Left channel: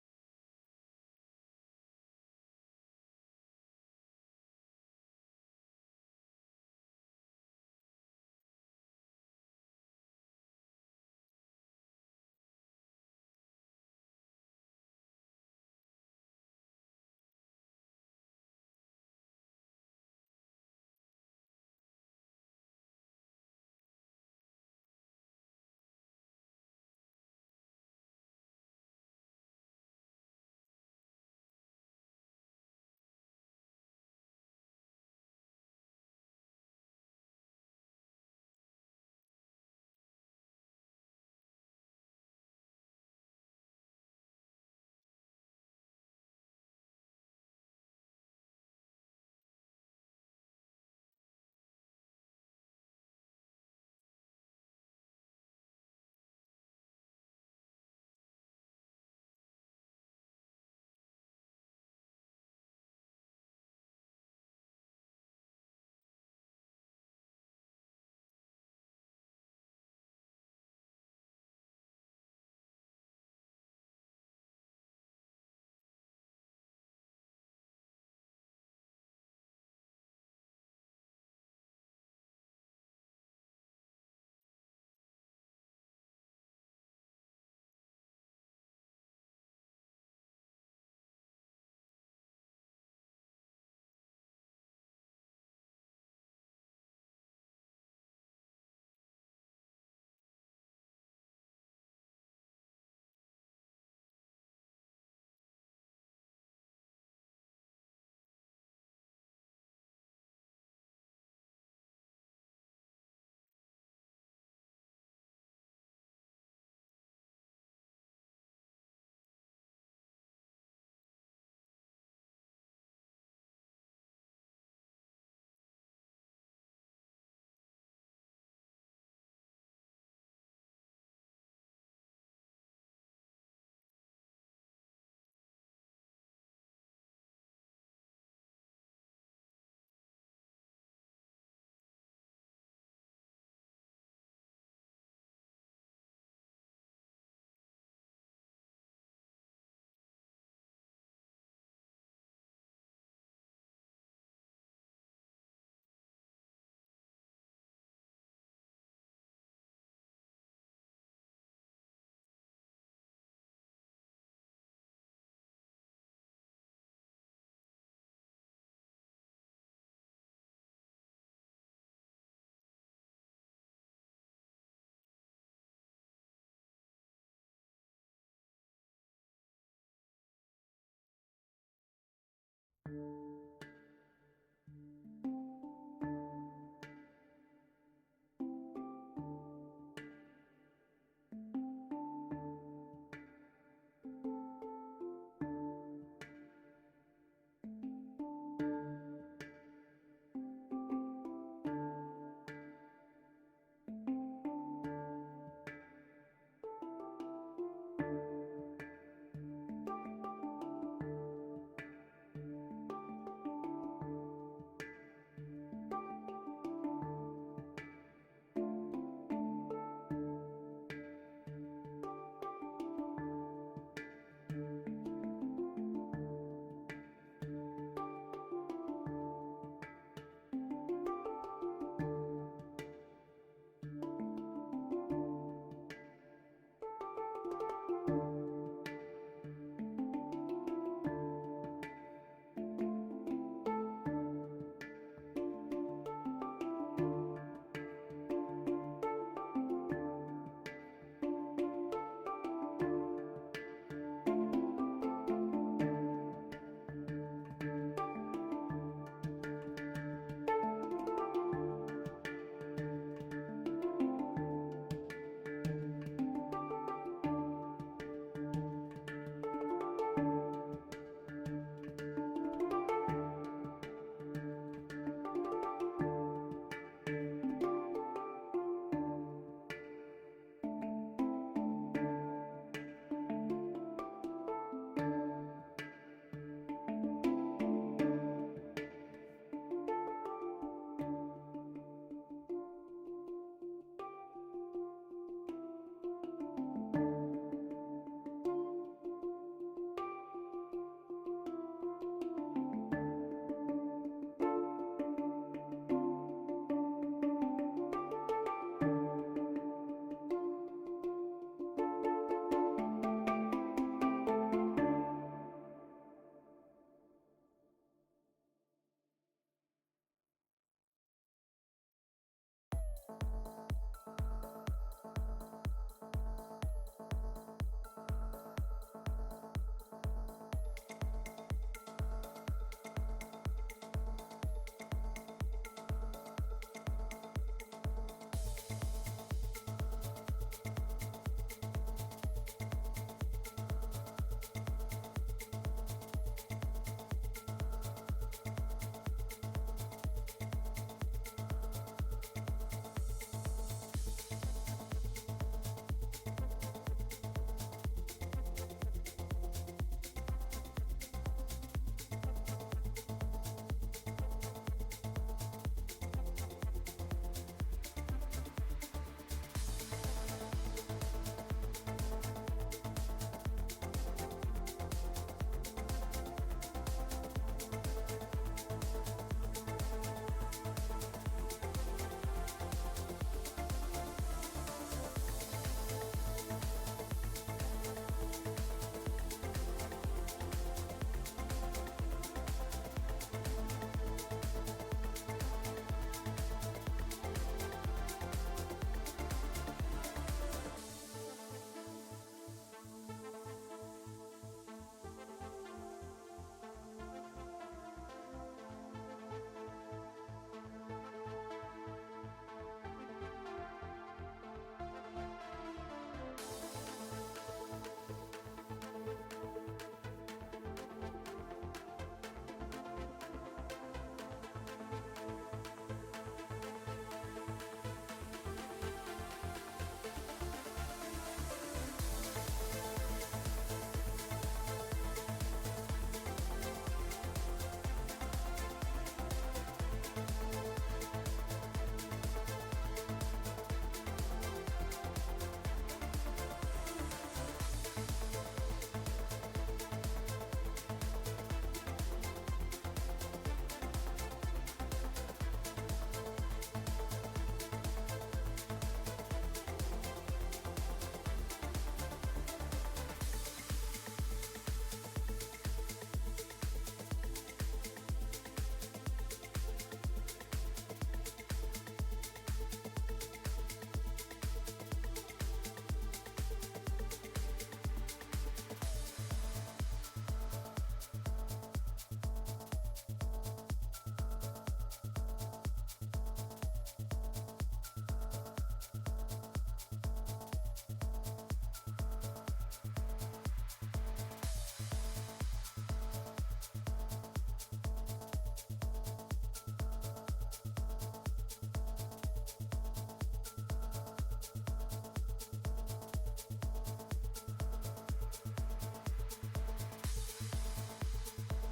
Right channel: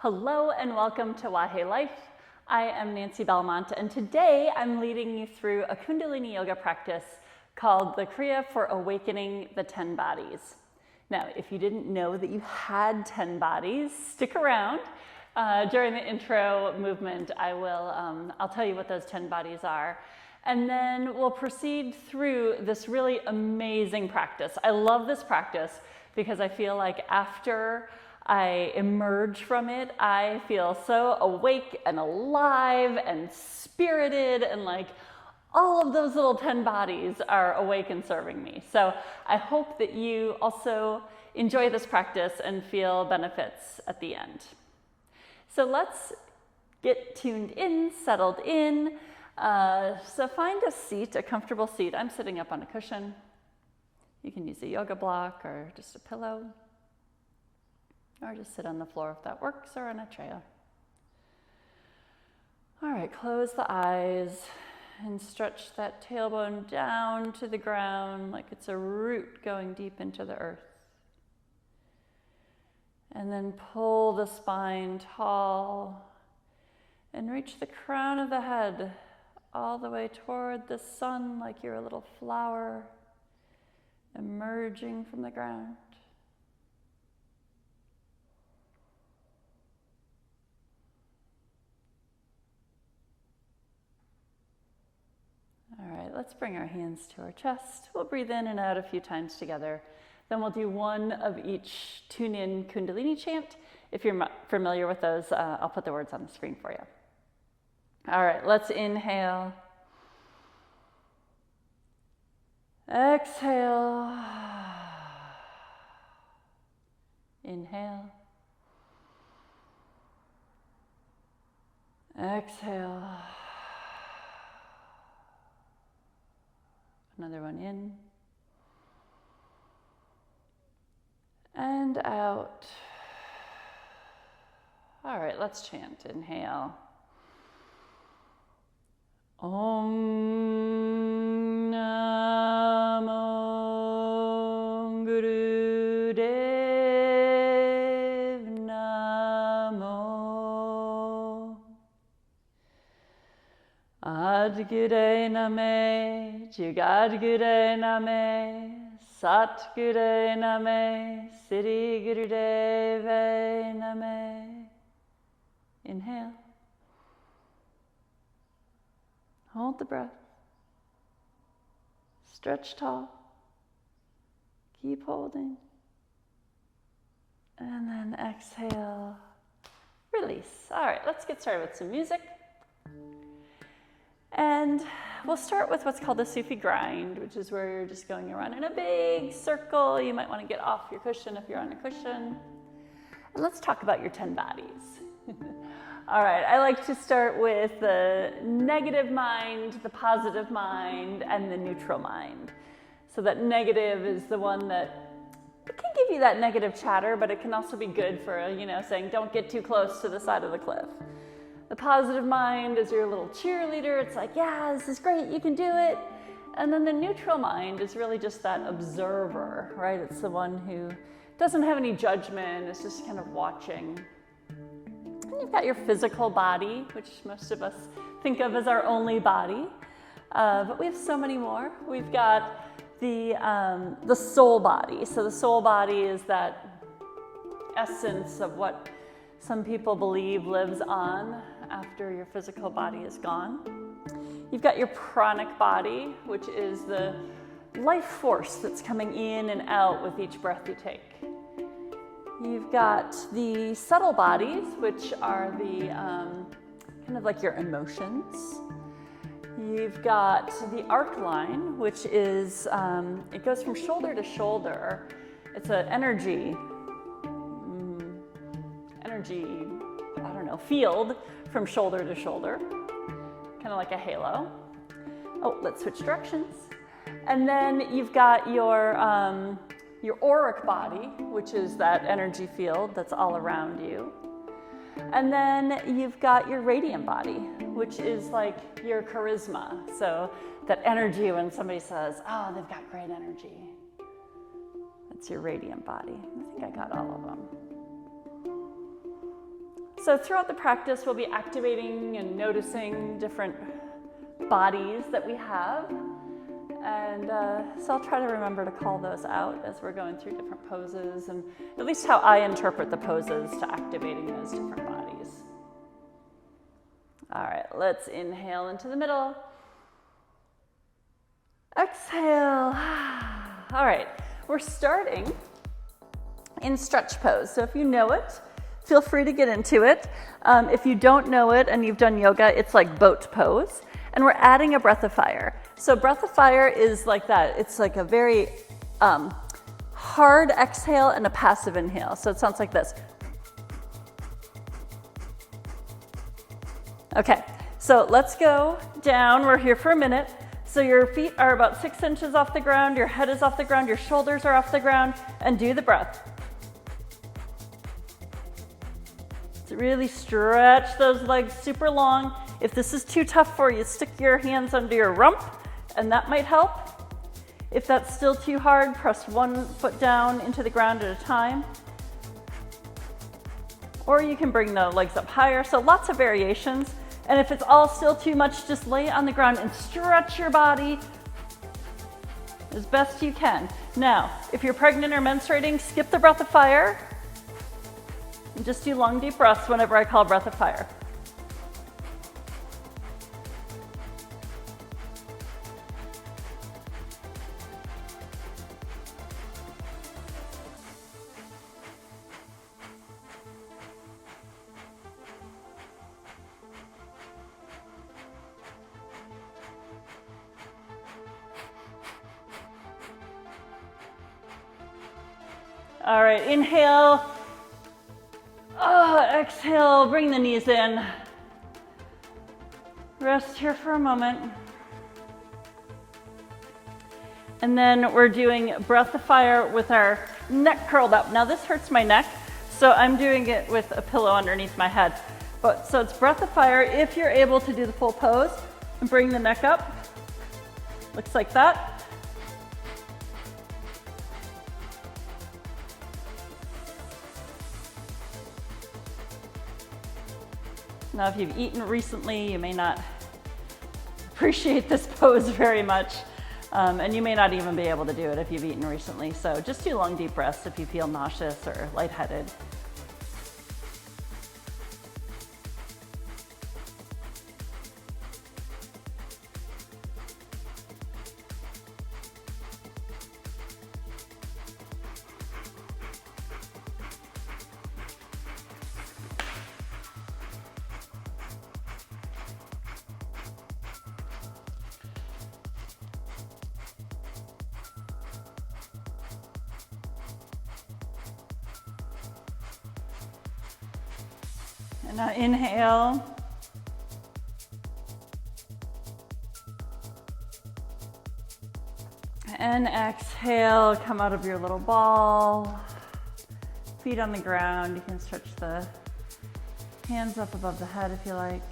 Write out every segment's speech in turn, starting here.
Hello and welcome to Wahe Life. I am Nancy Belmont, and today I'm leading you through a Kundalini yoga practice called the Kriya for Awakening the 10 Bodies. Now, if you didn't know that you had 10 bodies, stick around. During the intro movement, I'll tell you what those 10 bodies are. And then we'll proceed through this really amazing practice. I love this practice because I feel like after I emerge from it, I feel so awake and alive and spirited, and like all of those little 10 bodies are awake and serving me. So I hope that you also enjoy this practice and feel benefits at the end. So let's get tuned in, settled in. So find a seat, a comfortable seat. I'm sitting up on a cushion. You can use a yoga block or just a pillow, or just sit on the floor if that works, or on a chair. All right, close the eyes and stretch that tailbone down to the ground like it's a root going deep into the earth. And then pull the spine tall and reach the crown of the head all the way toward the sun like you're a little flower emerging from the ground. All right, let's bring our hands to our chest. We'll breathe in and out a few times together. Then we'll do one of each tune-in Kundalini chant. If you're familiar with those, I'll put the words on the screen for you. All right, let's inhale. Exhale. Inhale. Exhale. Another one in and out. All right, let's chant. Inhale. Om Namo Guru Dev Namo Adgure Name Jugadgure Name Satgure Name Siddhi Gurudeve Name. Inhale. Hold the breath. Stretch tall. Keep holding. And then exhale. Release. All right, let's get started with some music. And we'll start with what's called the Sufi Grind, which is where you're just going around in a big circle. You might want to get off your cushion if you're on a cushion. And let's talk about your 10 bodies. All right, I like to start with the negative mind, the positive mind, and the neutral mind. So that negative is the one that it can give you that negative chatter, but it can also be good for, saying don't get too close to the side of the cliff. The positive mind is your little cheerleader. It's like, yeah, this is great, you can do it. And then the neutral mind is really just that observer, right? It's the one who doesn't have any judgment, it's just kind of watching. And you've got your physical body, which most of us think of as our only body. But we have so many more. We've got the soul body. So the soul body is that essence of what some people believe lives on after your physical body is gone. You've got your pranic body, which is the life force that's coming in and out with each breath you take. You've got the subtle bodies, which are the kind of like your emotions. You've got the arc line, which is, it goes from shoulder to shoulder. It's an energy, field from shoulder to shoulder, kind of like a halo. Oh, let's switch directions. And then you've got your auric body, which is that energy field that's all around you. And then you've got your radiant body, which is like your charisma. So that energy when somebody says, oh, they've got great energy. That's your radiant body. I think I got all of them. So throughout the practice, we'll be activating and noticing different bodies that we have. And so I'll try to remember to call those out as we're going through different poses, and at least how I interpret the poses to activating those different bodies. All right, let's inhale into the middle. Exhale. All right, we're starting in stretch pose. So if you know it, feel free to get into it. If you don't know it and you've done yoga, it's like boat pose. And we're adding a breath of fire. So breath of fire is like that. It's like a very hard exhale and a passive inhale. So it sounds like this. Okay, so let's go down. We're here for a minute. So your feet are about 6 inches off the ground, your head is off the ground, your shoulders are off the ground, and do the breath. So really stretch those legs super long. If this is too tough for you, stick your hands under your rump, and that might help. If that's still too hard, press one foot down into the ground at a time. Or you can bring the legs up higher, so lots of variations. And if it's all still too much, just lay it on the ground and stretch your body as best you can. Now, if you're pregnant or menstruating, skip the breath of fire. And just do long, deep breaths whenever I call breath of fire. All right, inhale. Exhale, bring the knees in. Rest here for a moment. And then we're doing breath of fire with our neck curled up. Now this hurts my neck, so I'm doing it with a pillow underneath my head. So it's breath of fire if you're able to do the full pose. And bring the neck up. Looks like that. Now, if you've eaten recently, you may not appreciate this pose very much, and you may not even be able to do it if you've eaten recently. So just do long, deep breaths if you feel nauseous or lightheaded. Now inhale. And exhale, come out of your little ball. Feet on the ground. You can stretch the hands up above the head if you like.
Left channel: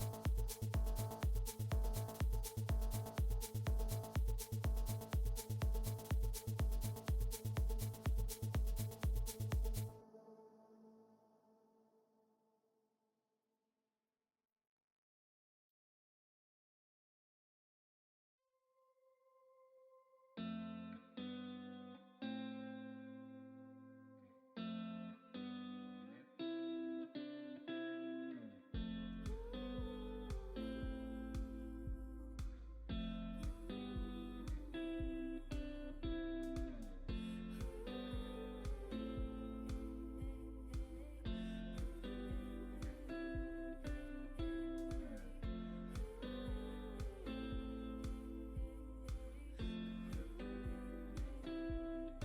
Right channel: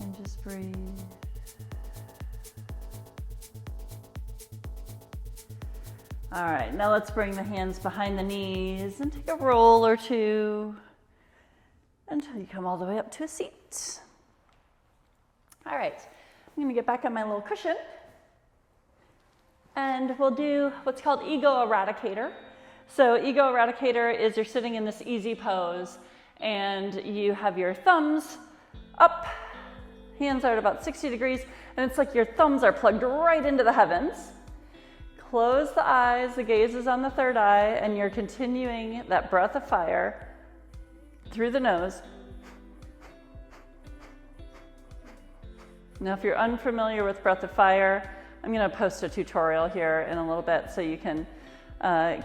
And just breathe. All right, now let's bring the hands behind the knees and take a roll or two until you come all the way up to a seat. All right, I'm gonna get back on my little cushion and we'll do what's called Ego Eradicator. So Ego Eradicator is you're sitting in this easy pose and you have your thumbs up, hands are at about 60 degrees, and it's like your thumbs are plugged right into the heavens. Close the eyes, the gaze is on the third eye, and you're continuing that breath of fire through the nose. Now, if you're unfamiliar with breath of fire, I'm going to post a tutorial here in a little bit so you can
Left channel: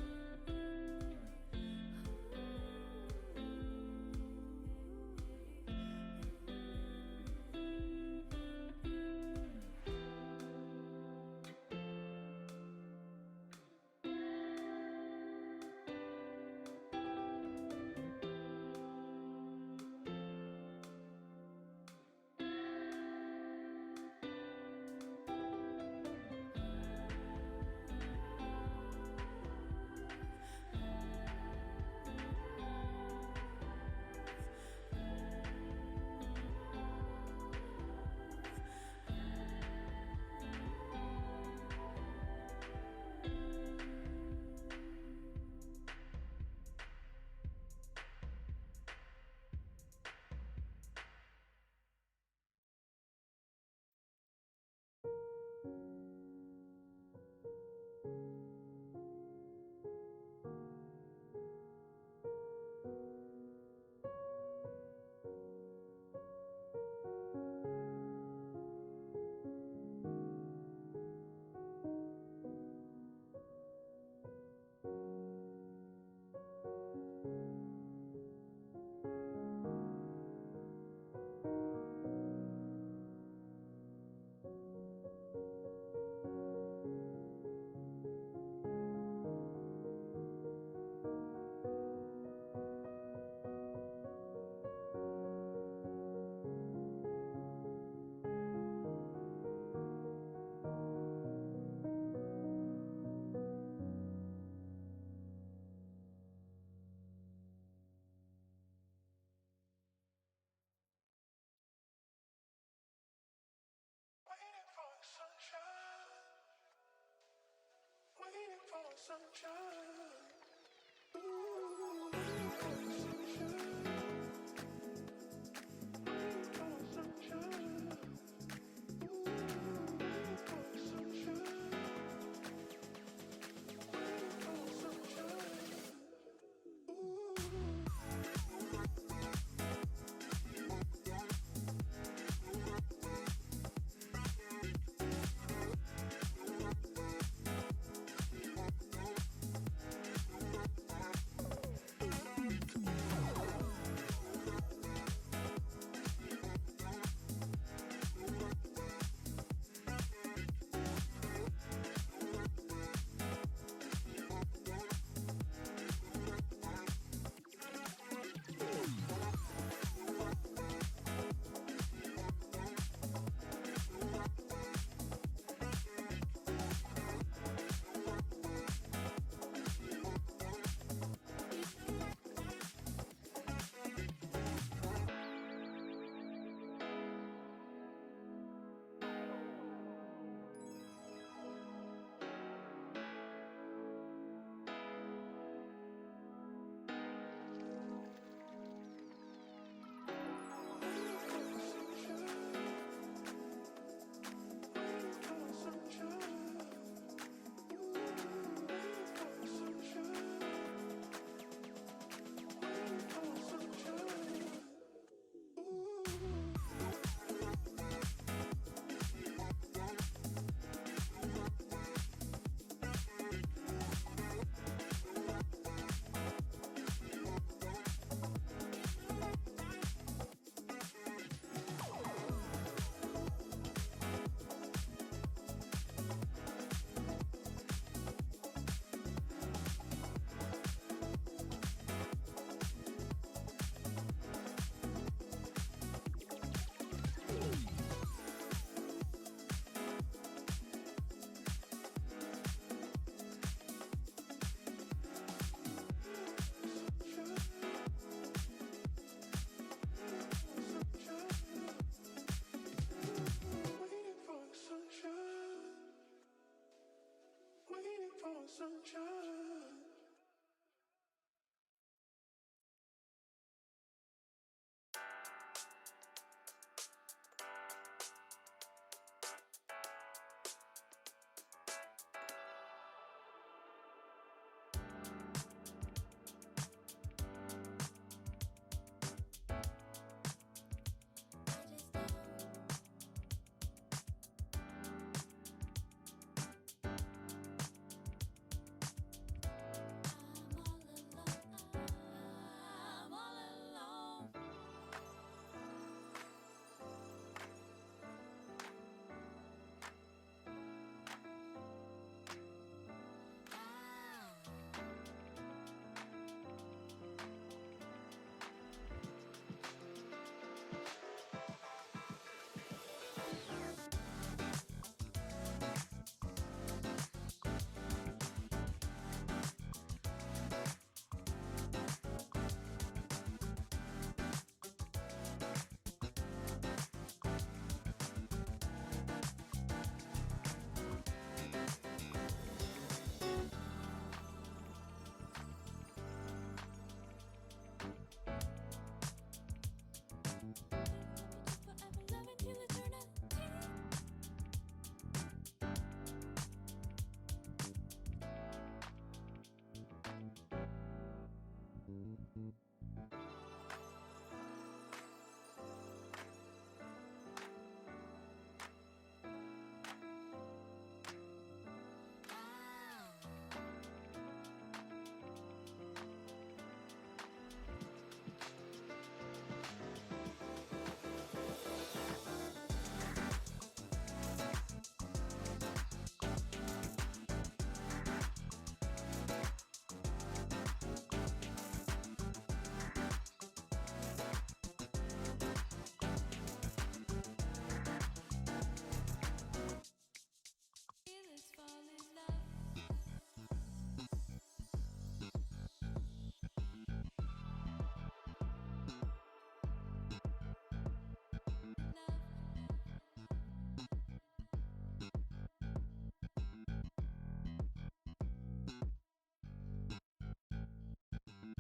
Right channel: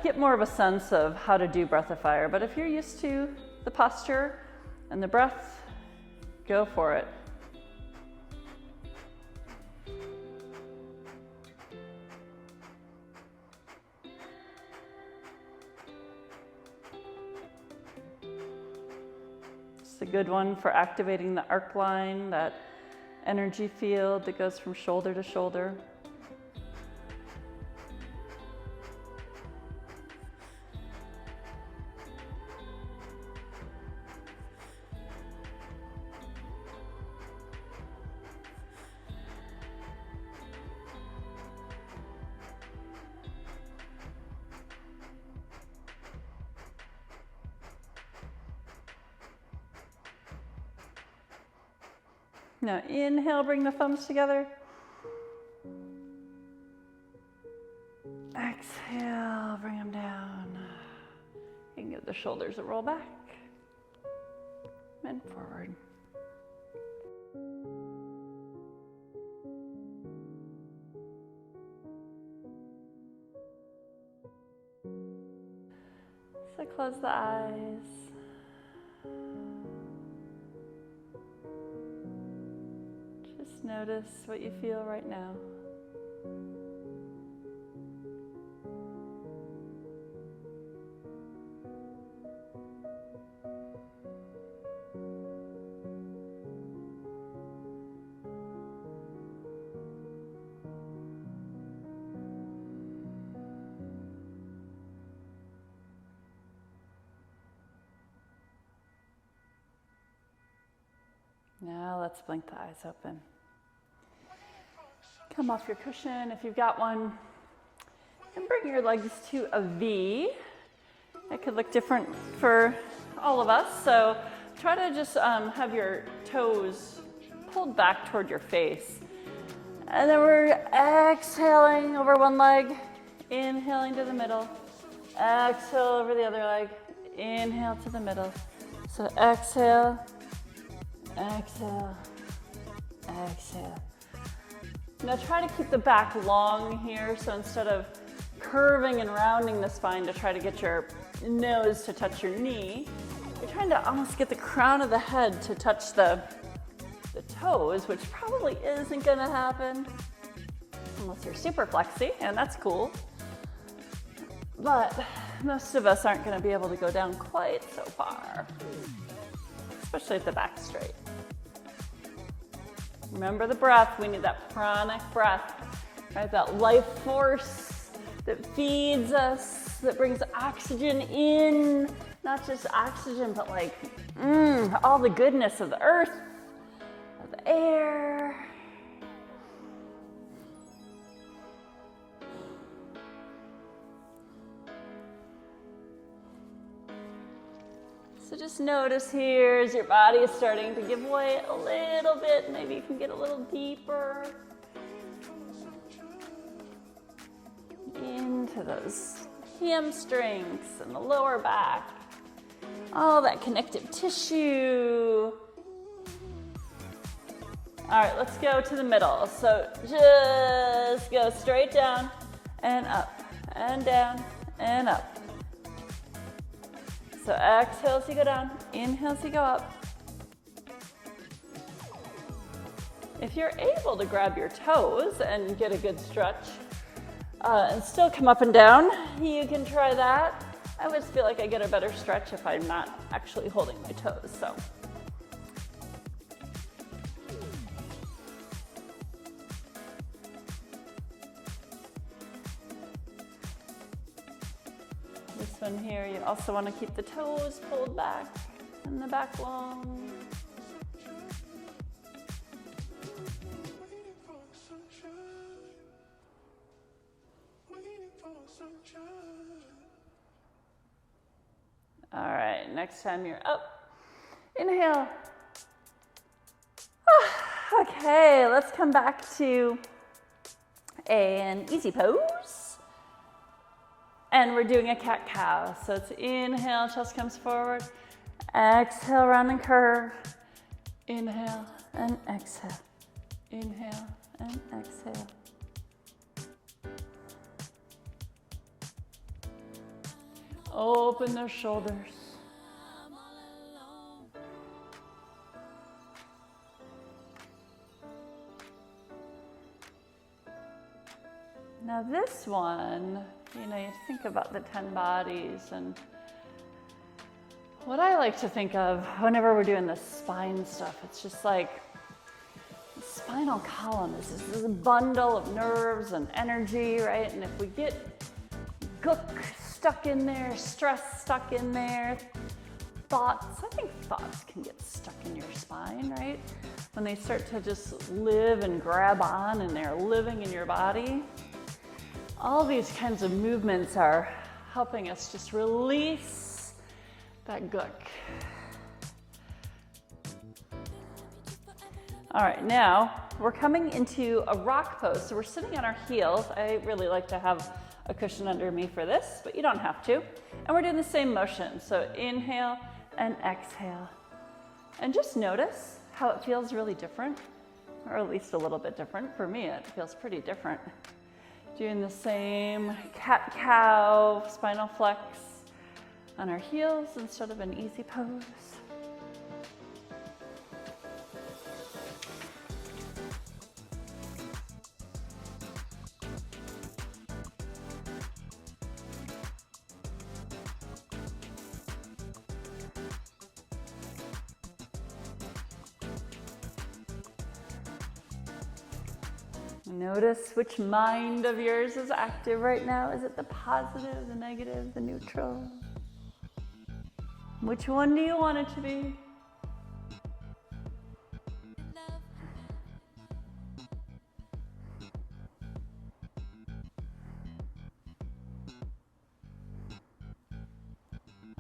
get more of a sense of how to do breath of fire. But if you're used to the posture and the breath, go for it. A good one for activating the arc line, that energy field that goes from shoulder to shoulder. Now inhale, bring the thumbs together. Exhale, bring them down. You can give the shoulders a roll back and forward. So close the eyes. Just notice what you feel right now. Now let's blink the eyes open. Come off your cushion if you've got one. And bring your legs to a V. It could look different for all of us. So try to just have your toes pulled back toward your face. And then we're exhaling over one leg. Inhaling to the middle. Exhale over the other leg. Inhale to the middle. So exhale. Exhale, exhale. Now try to keep the back long here, so instead of curving and rounding the spine to try to get your nose to touch your knee, you're trying to almost get the crown of the head to touch the toes, which probably isn't gonna happen unless you're super flexy, and that's cool. But most of us aren't gonna be able to go down quite so far, especially if the back's straight. Remember the breath. We need that pranic breath, right? That life force that feeds us, that brings oxygen in. Not just oxygen, but like all the goodness of the earth, of the air. So just notice here as your body is starting to give way a little bit. Maybe you can get a little deeper into those hamstrings and the lower back. All that connective tissue. All right, let's go to the middle. So just go straight down and up and down and up. So exhale as you go down, inhale as you go up. If you're able to grab your toes and get a good stretch and still come up and down, you can try that. I always feel like I get a better stretch if I'm not actually holding my toes. So. Here, you also want to keep the toes pulled back and the back long. All right, next time you're up, inhale. Okay, let's come back to an easy pose. And we're doing a cat-cow. So it's inhale, chest comes forward. Exhale, round and curve. Inhale and exhale. Inhale and exhale. Open those shoulders. Now this one, you think about the 10 bodies, and what I like to think of whenever we're doing this spine stuff, it's just like the spinal column is this bundle of nerves and energy, right? And if we get gook stuck in there, stress stuck in there, thoughts, I think thoughts can get stuck in your spine, right? When they start to just live and grab on and they're living in your body. All these kinds of movements are helping us just release that gook. All right, now we're coming into a rock pose. So we're sitting on our heels. I really like to have a cushion under me for this, but you don't have to. And we're doing the same motion. So inhale and exhale. And just notice how it feels really different, or at least a little bit different. For me, it feels pretty different. Doing the same cat-cow, spinal flex on our heels instead of an easy pose. Notice which mind of yours is active right now. Is it the positive, the negative, the neutral? Which one do you want it to be?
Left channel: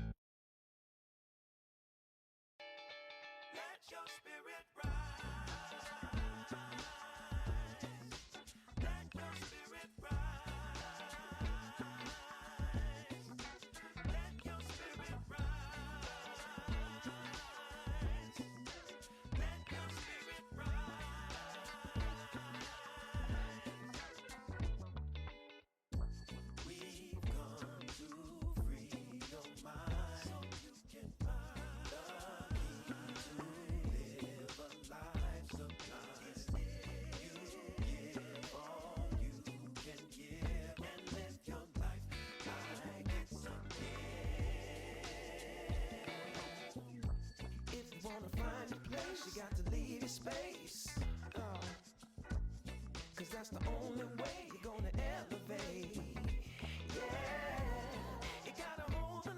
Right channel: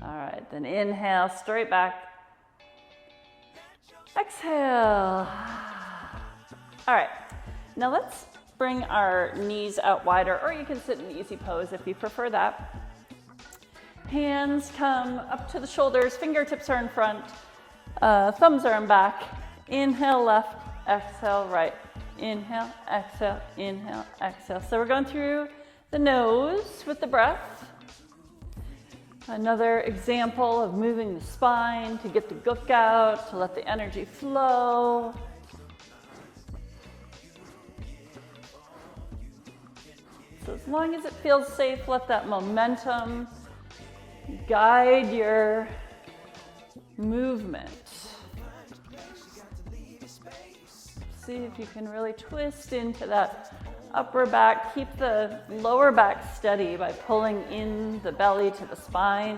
All right, then inhale, straight back. Exhale. All right, now let's bring our knees out wider, or you can sit in easy pose if you prefer that. Hands come up to the shoulders, fingertips are in front, thumbs are in back. Inhale left, exhale right. Inhale, exhale, inhale, exhale. So we're going through the nose with the breath. Another example of moving the spine to get the gook out, to let the energy flow. So as long as it feels safe, let that momentum guide your movement. See if you can really twist into that upper back. Keep the lower back steady by pulling in the belly to the spine.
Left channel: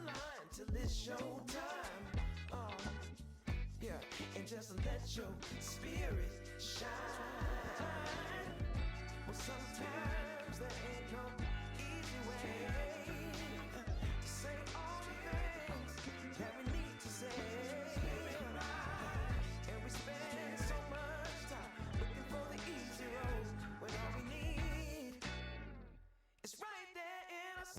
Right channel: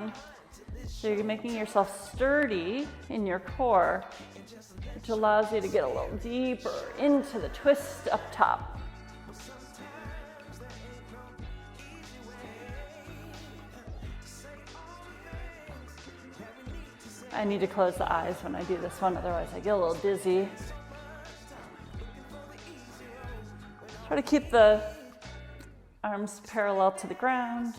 So you're making yourself sturdy in your core, which allows you to get a little deeper into the twist up top. I need to close the eyes when I do this one, otherwise I get a little dizzy. Try to keep the arms parallel to the ground.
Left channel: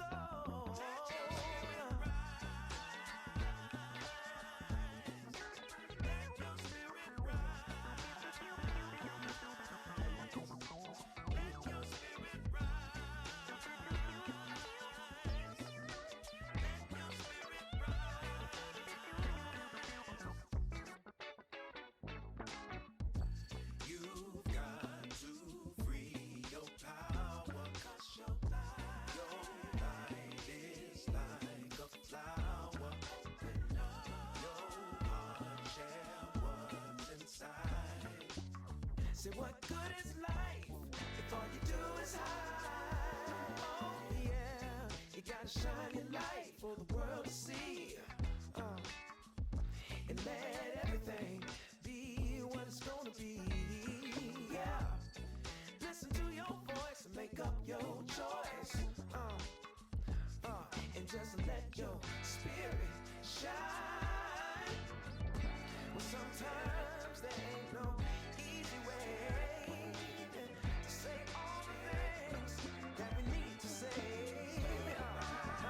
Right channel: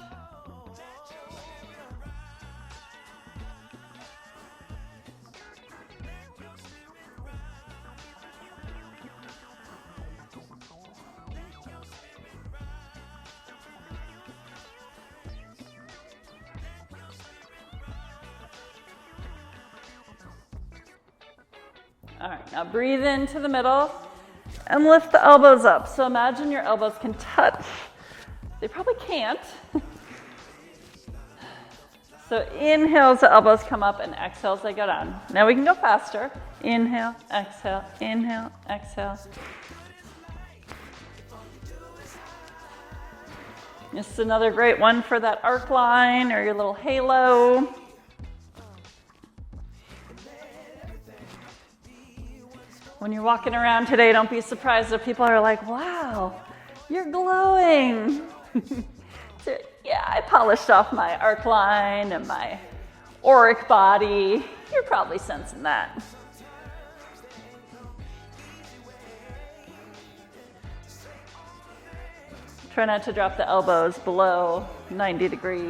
All right, now breathe into the middle and lift the elbows up. So imagine your elbows can touch. They probably can't. So inhale as the elbows come up and exhale as they go down. Now we can go faster. Inhale, exhale, inhale, exhale. This is another great one for that arc line or your little halo. When you're walking around today, don't be surprised if people are like, wow, you're glowing. So, yeah, I polished off my arc line and my auric body. You're probably sensing that. Try not to drop the elbows below 90 degrees.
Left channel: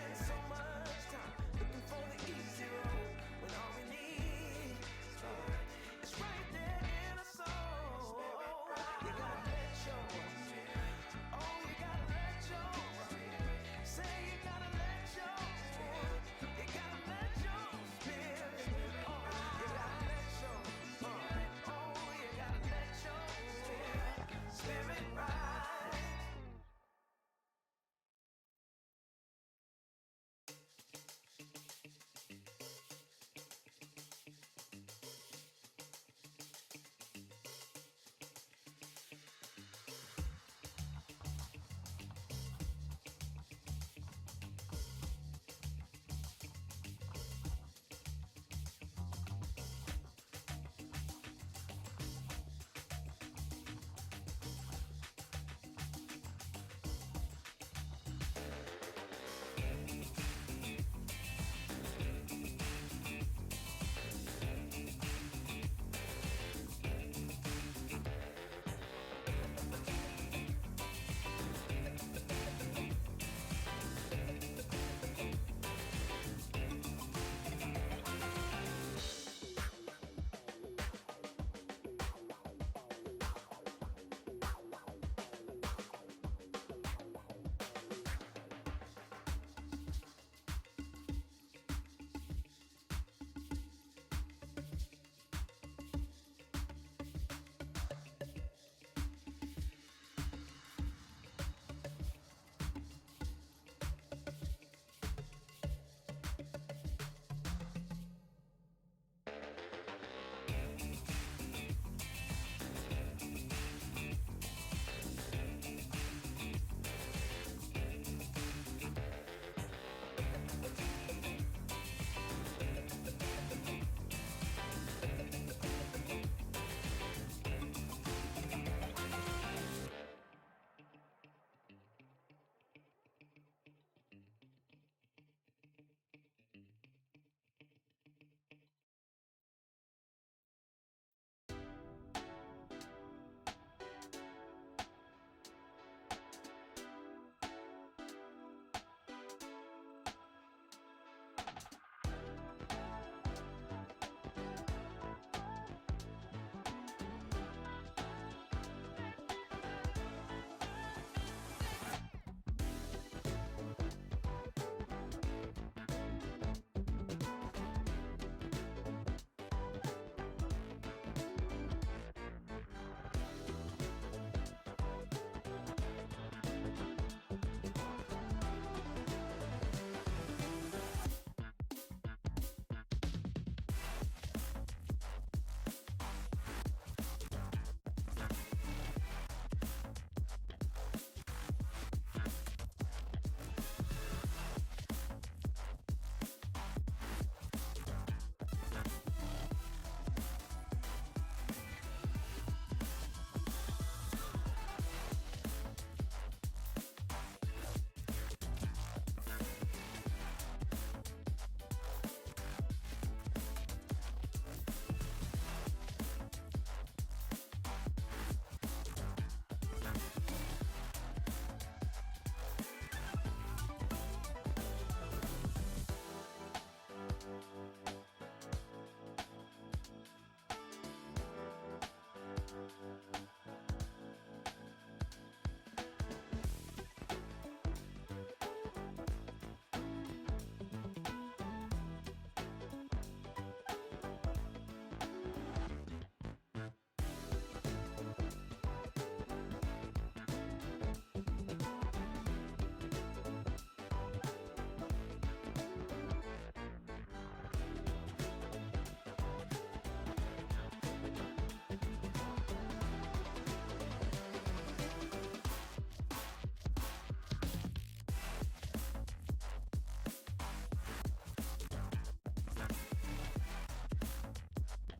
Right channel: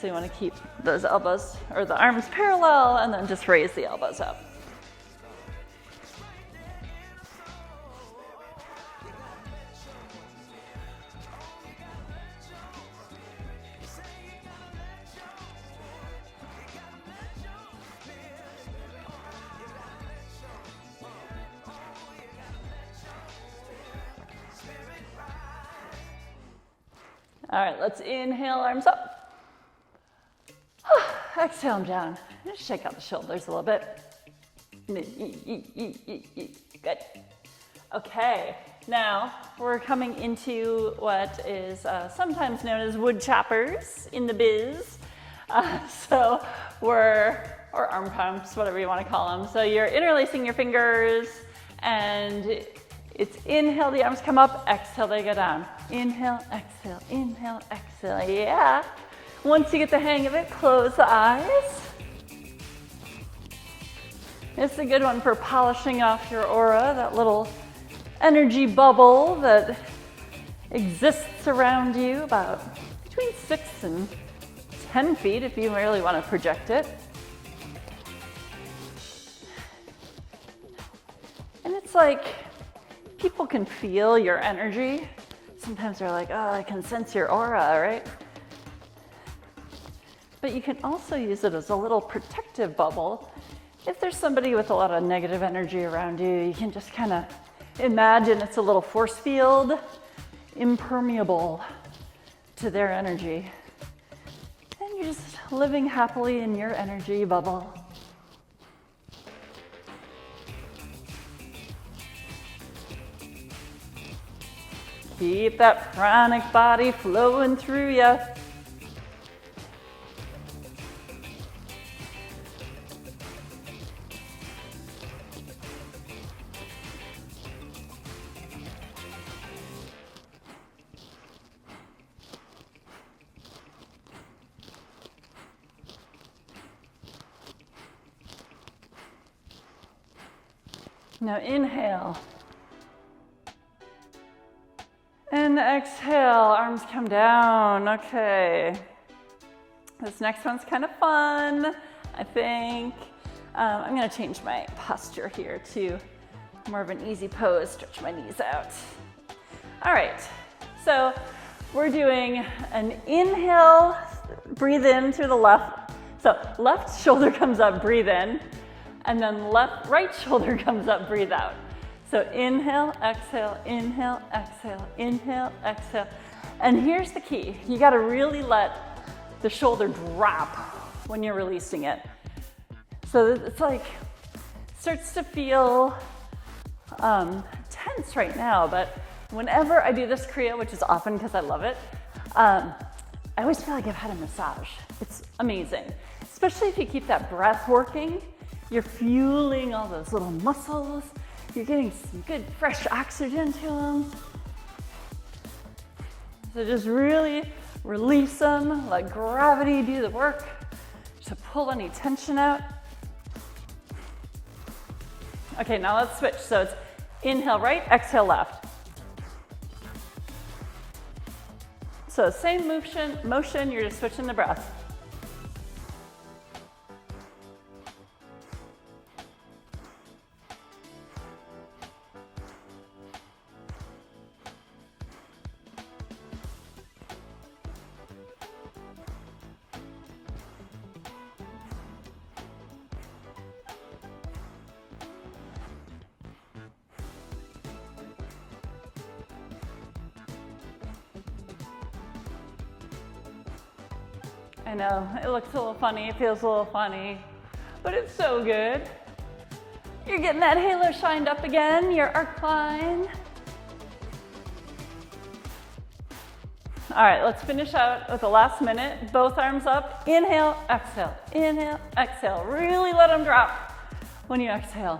So you want to keep those elbows or the arms parallel and then just raise the elbows up. All right, let's inhale, arms up. Exhale them down. Just shake out the shoulders a little bit. Good. Okay, now we're coming into what is sometimes known as wood choppers in the biz. Or arm pumps, whatever you want to call them. So you're interlacing your fingers and it's inhale, the arms come up, exhale, they go down. Inhale, exhale, inhale, exhale. Yeah. Once you get the hang of it, close the eyes. It's a good one for polishing off your aura, that little energy bubble that exists around you about between 6 and 10 feet if you really want to project it. And it's like people can feel your energy. Sometimes they're like, oh, I can sense your aura, right? But you can also use it as a little protective bubble. If there's somebody with a lot of negative energy around you, you can just kind of imagine it's a little force field, impermeable to their energy. And you're just living happily in your energy bubble. Keep that pranic body flowing through you. Now inhale. And exhale, arms come down. Okay. This next one's kind of fun, I think. I'm gonna change my posture here to more of an easy pose, stretch my knees out. All right, so we're doing an inhale, breathe in through the left. So left shoulder comes up, breathe in. And then right shoulder comes up, breathe out. So inhale, exhale, inhale, exhale, inhale, exhale. And here's the key. You gotta really let the shoulder drop when you're releasing it. So it's like, starts to feel tense right now, but whenever I do this kriya, which is often because I love it, I always feel like I've had a massage. It's amazing, especially if you keep that breath working. You're fueling all those little muscles. You're getting some good fresh oxygen to them. So just really release them, let gravity do the work to pull any tension out. Okay, now let's switch. So it's inhale right, exhale left. So same motion, you're just switching the breath. I know, it looks a little funny, it feels a little funny, but it's so good. You're getting that halo shined up again, your arc line. All right, let's finish out with the last minute. Both arms up, inhale, exhale, inhale, exhale. Really let them drop when you exhale.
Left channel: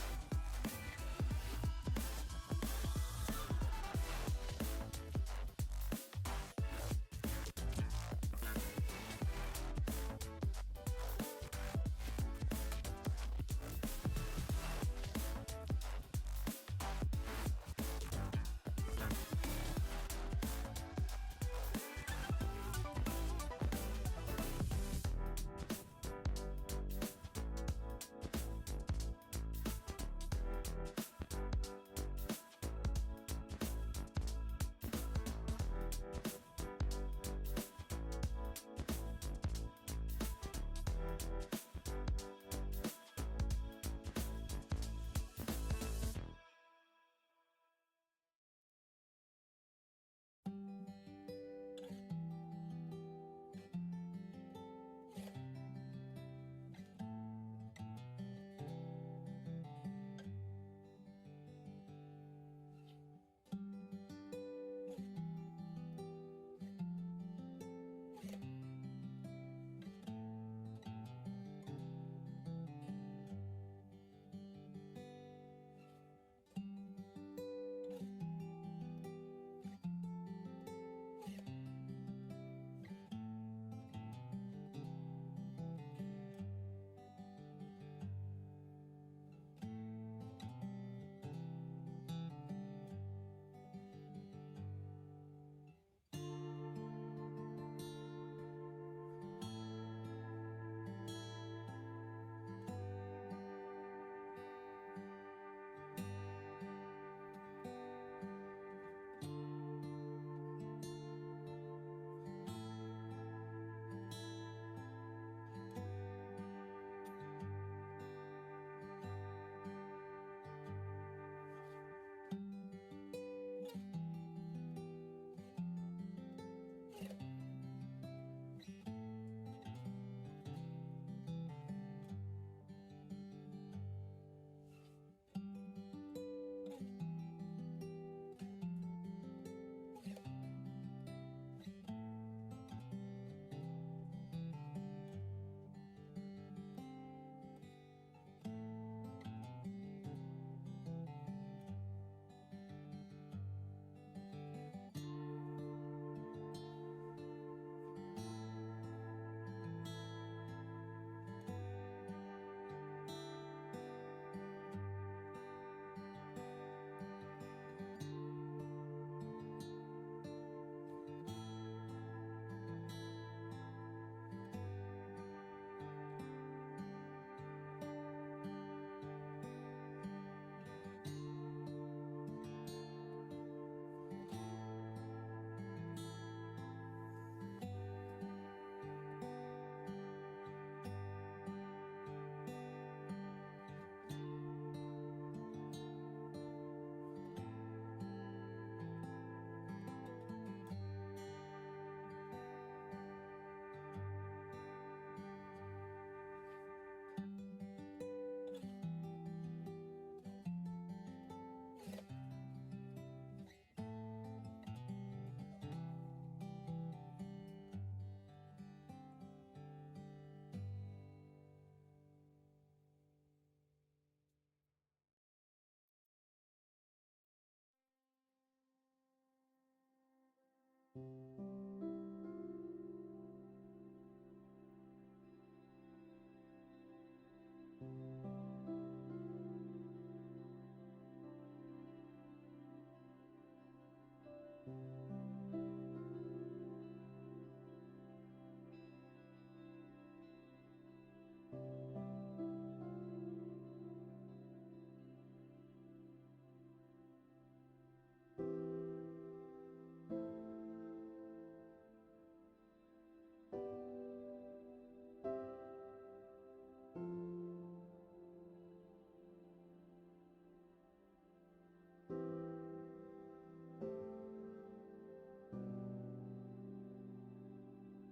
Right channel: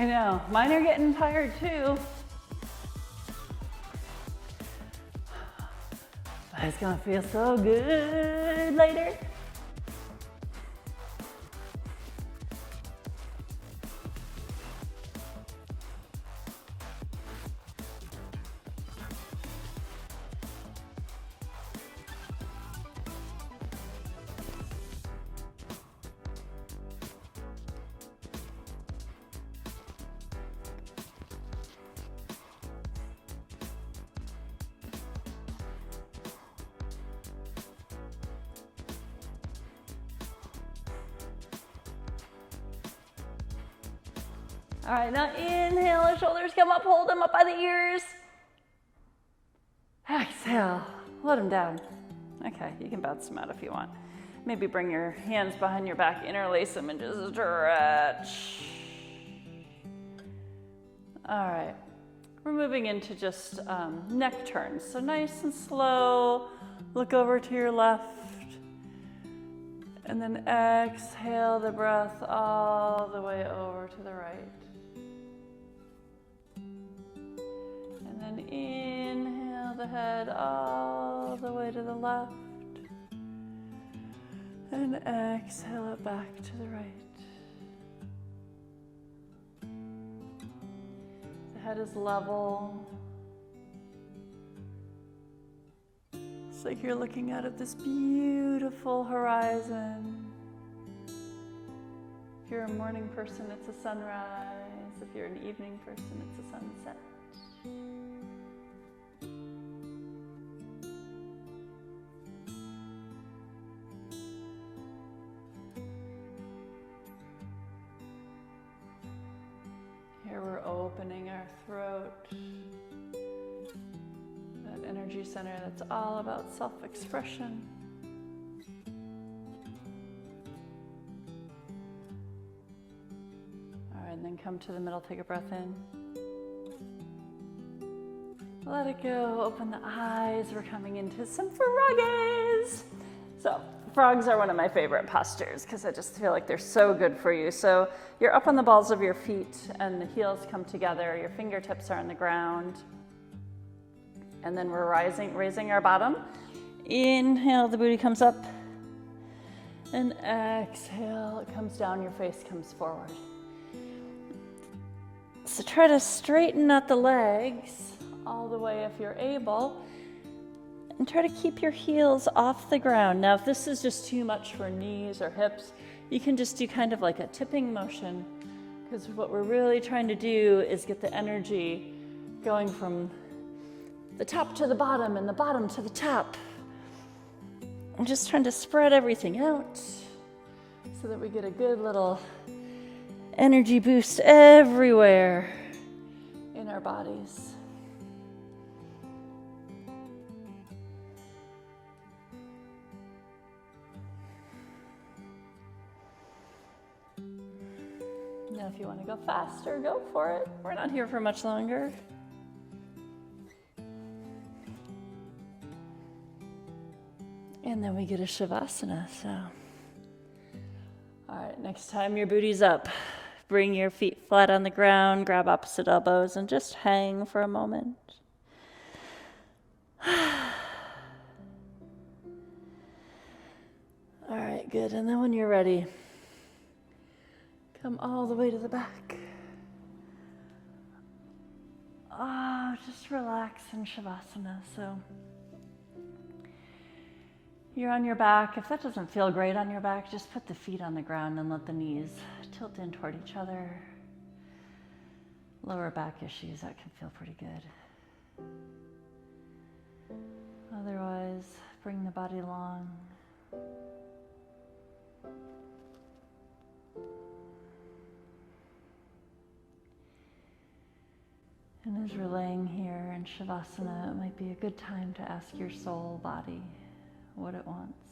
I know, mine are getting tired too. But it's gonna feel so good later. All right, now inhale, the shoulders come up, hold them up by the ears. Exhale, let them down. Okay, you can bounce them out if you want. Maybe bring your hands behind your back, interlace them, and just stretch. All right, we're moving into just neck turns. So nice and slow, look over to your left. And then exhale the breath all the way over to the right. And then inhale. the head all the way to the left. And exhale it back to the right. The head is level. It's like you're looking out at this beautiful horizon. If you're a morning person, it's a sunrise. If you're an evening person, it's a sunset. Here we're opening our throat. That energy center that's all about self-expression. Come to the middle, take a breath in. Let it go, open the eyes. We're coming into some froggies. So frogs are one of my favorite postures because I just feel like they're so good for you. So you're up on the balls of your feet and the heels come together. Your fingertips are on the ground. And then we're raising our bottom. Inhale, the booty comes up. And exhale, it comes down, your face comes forward. So try to straighten out the legs all the way if you're able, and try to keep your heels off the ground. Now, if this is just too much for knees or hips, you can just do kind of like a tipping motion, because what we're really trying to do is get the energy going from the top to the bottom and the bottom to the top. I'm just trying to spread everything out so that we get a good little energy boost everywhere in our bodies. Now, if you want to go faster, go for it. We're not here for much longer. And then we get a Shavasana. So, all right, next time your booty's up, bring your feet flat on the ground, grab opposite elbows, and just hang for a moment. All right, good. And then when you're ready, come all the way to the back. Oh, just relax in Shavasana. So you're on your back. If that doesn't feel great on your back, just put the feet on the ground and let the knees tilt in toward each other. Lower back issues, that can feel pretty good. Otherwise, bring the body long. And as you're laying here in Shavasana, it might be a good time to ask your soul body what it wants.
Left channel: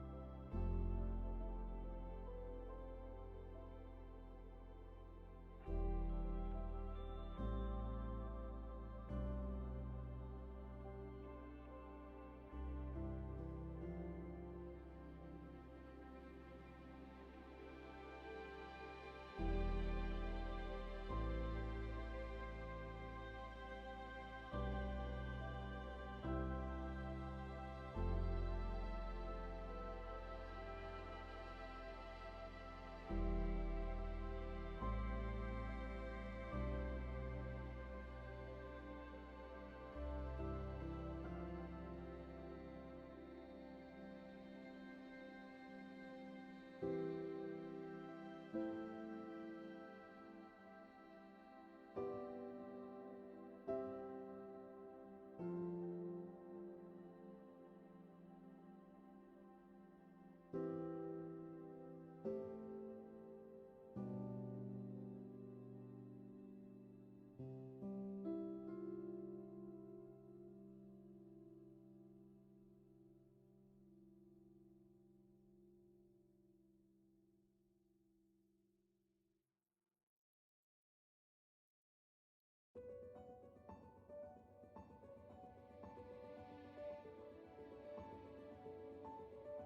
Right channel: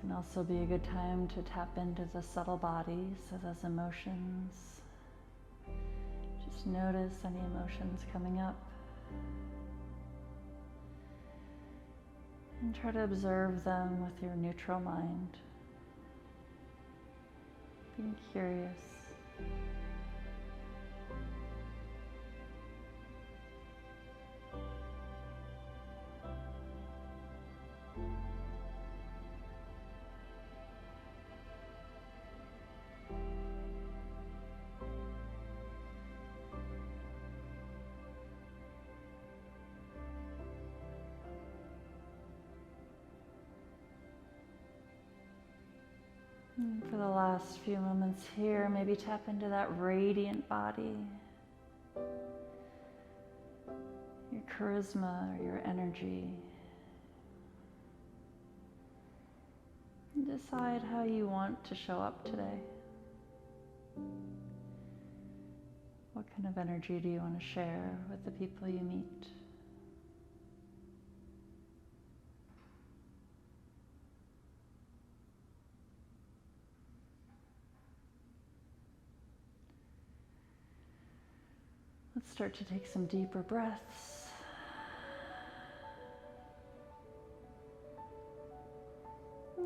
Can also be a good time to tap into the subtle bodies, so those emotions. Just notice any emotions coming up. And try to observe them with your neutral mind. Being curious. For the last few moments here, maybe tap into that radiant body, your charisma, or your energy. Decide how you want to show up today. What kind of energy do you want to share with the people you meet? Let's start to take some deeper breaths.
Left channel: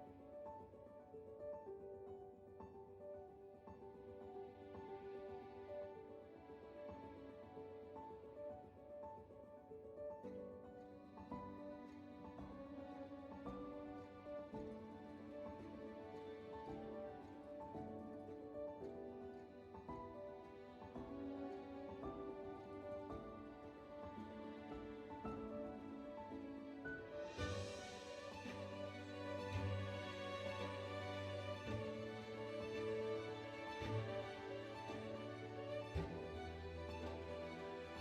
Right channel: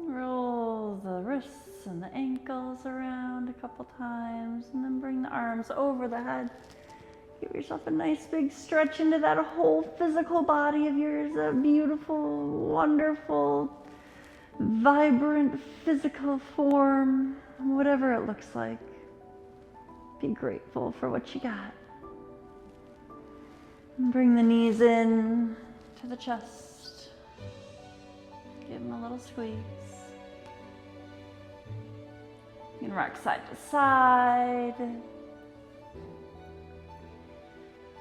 Roll the wrists and the ankles around a couple times, and then bring the arms over the head. Give yourself a nice big stretch into that whole physical body of yours, that beautiful, wonderful, vibrant physical form, whatever it looks like. Be grateful for what you got. And bring the knees in to the chest. Give them a little squeeze. You can rock side to side.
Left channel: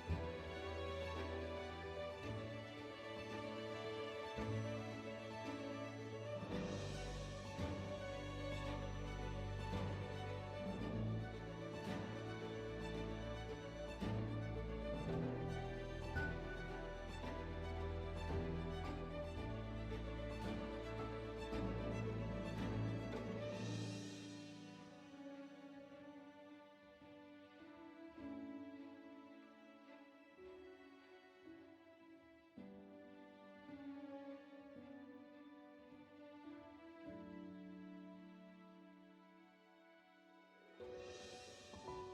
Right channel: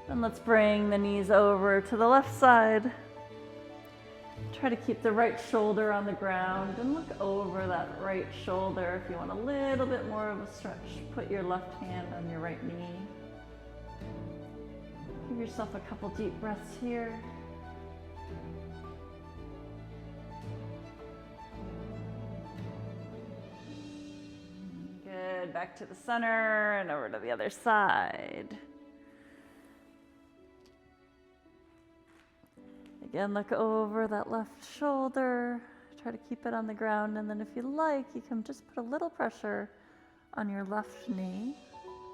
And let's bring the knees over to the left side. Try to keep the right shoulder on the ground and look over that right shoulder. If you want a little bit more of a stretch, put your left hand on your right knee. Give yourself a couple deep breaths here. Good, back to the center and over to the other side. Again, look over that left shoulder. Try to keep it on the ground, and then if you like, you can just put a little pressure on your left knee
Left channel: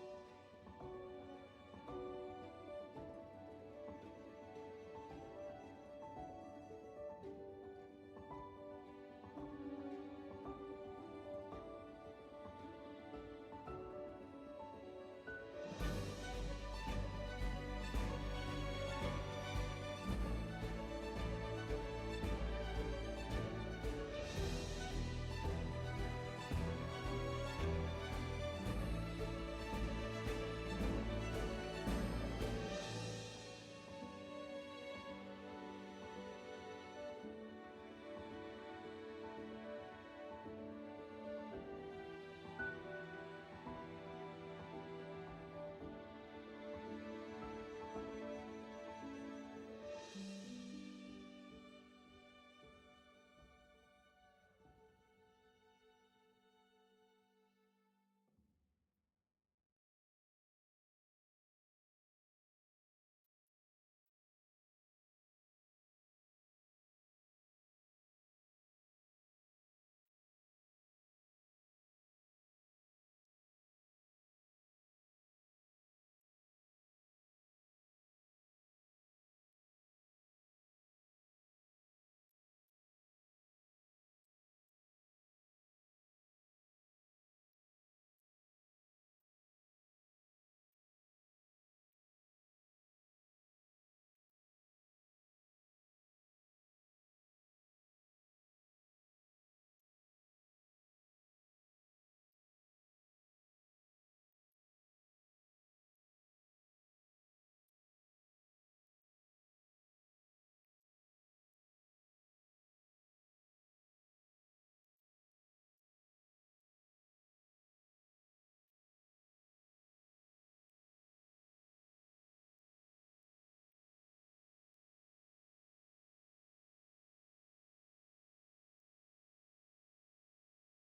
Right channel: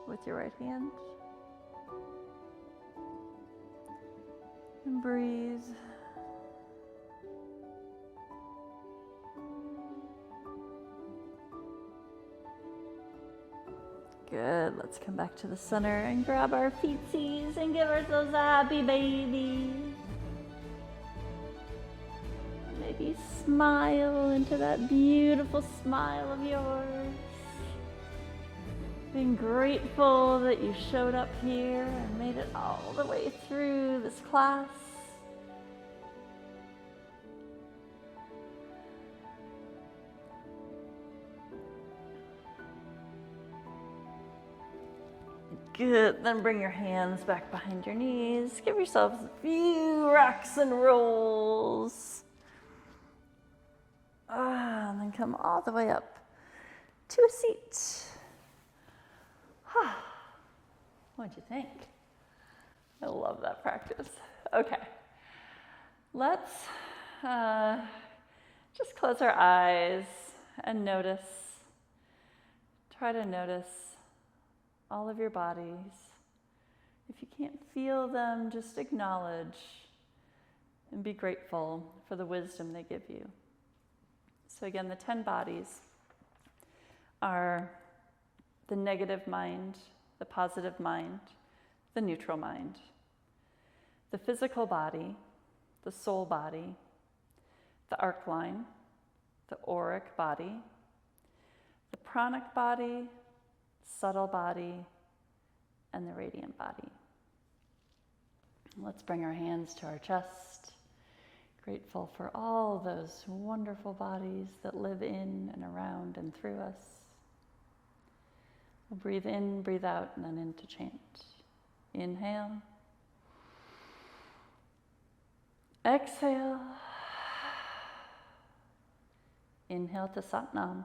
with your right hand. And breathe. Good, let's come back to the center and grab our feetsies and give ourselves a happy baby. Maybe smile into that beautiful smile of yours. Being grateful that you showed up here and made it all the way through this class. Good, then bring your hands back behind your knees. Give yourselves a few rocks and rolls. And then come all the way up to a seat. What'd you think? I love that practice. Okay, let's just close our eyes and notice. Try to notice all of your bodies. If you can't feel them, just acknowledge and be grateful for the wisdom they give you. So again, the 10 bodies are the negative mind, the positive mind, the neutral mind, the physical body, the soul body, the arc line, the auric body, the pranic body, subtle body, and the radiant body. Let's bring our hands to our chest, grateful for all those wonderful bodies that live in and around and through us. We'll breathe in, breathe out, and then into chant. Inhale. Exhale. Inhale to Satnam.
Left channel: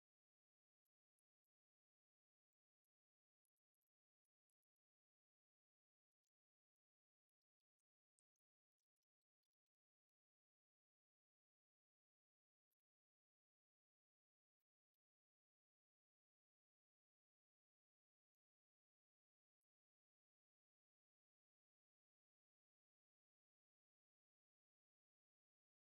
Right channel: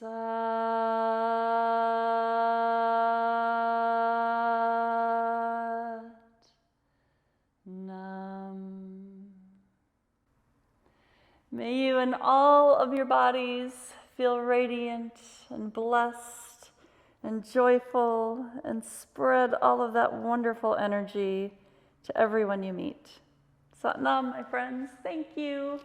Sat Nam. May you and all of your bodies feel radiant and blessed and joyful and spread all of that wonderful energy to everyone you meet. Satnam, my friends, thank you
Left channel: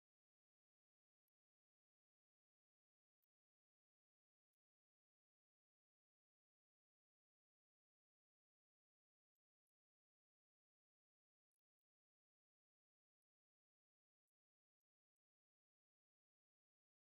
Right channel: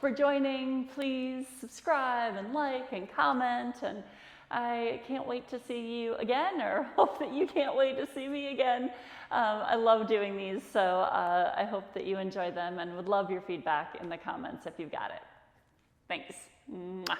for joining. Please subscribe and like and comment, and I can't wait to see you again, or hope that you can't wait to see me again. I love doing these, so I hope that you enjoy them and would love your feedback in the comments if you've got it. Thanks. Mwah.